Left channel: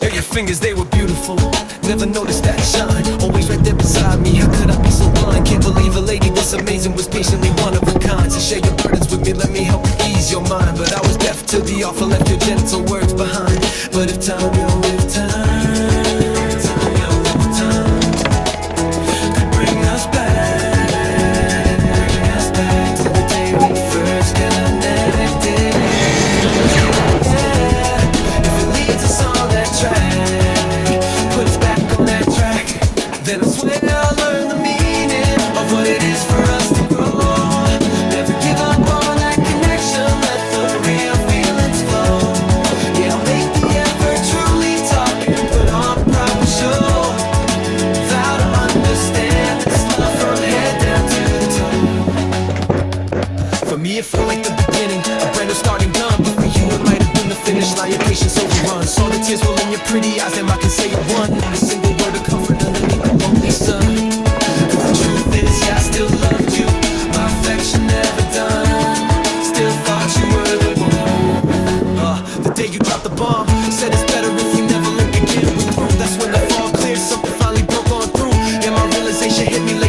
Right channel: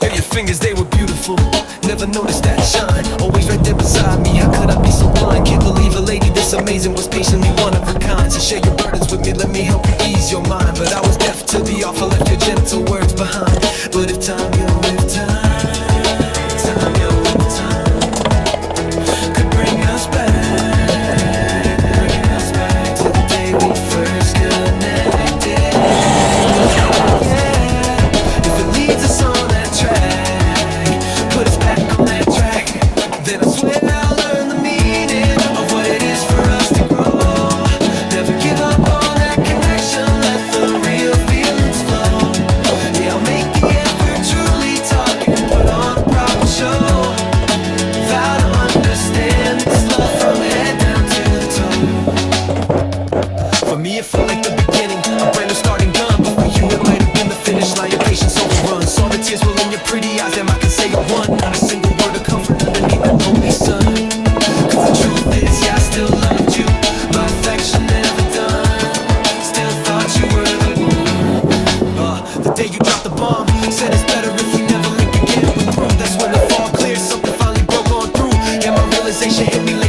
Yeah, your fingers, they were beautiful. Never noticed that shine. Always right there beside me. How could I be so blind? Can't believe a lady this amazing was patiently one of a kind. So share your burdens with me, let me help you ease your mind. But I was deaf to the offer, left your gentle words behind. But if time, yo, if time, yo, if time could bring us back to the day we first connected. Yeah, if it leads us on that track, put us back on that track, then I swear I'll learn the meaning of what it is for us to grow. Never give up on that connection, let the real feelings flow. Yeah, I'll make the effort, truly talk and put on a proper show. Vow to understand this love from head down to the toe. For me it felt like the beginning, a brand new starting gun. But for you it might have been the finish line, your patience overrun. Saw the tears roll in your pretty eyes, damn I can say it one. Not a single word of comfort underneath the lonely sun. Cause the truth is, yeah, I still loved you. My affection never done. Still thought you were the one. The day you dropped the bomb, said it's better if we never link again. We're through, that's when the fog cleared, something finally broke on through. Yeah, my realization hit me late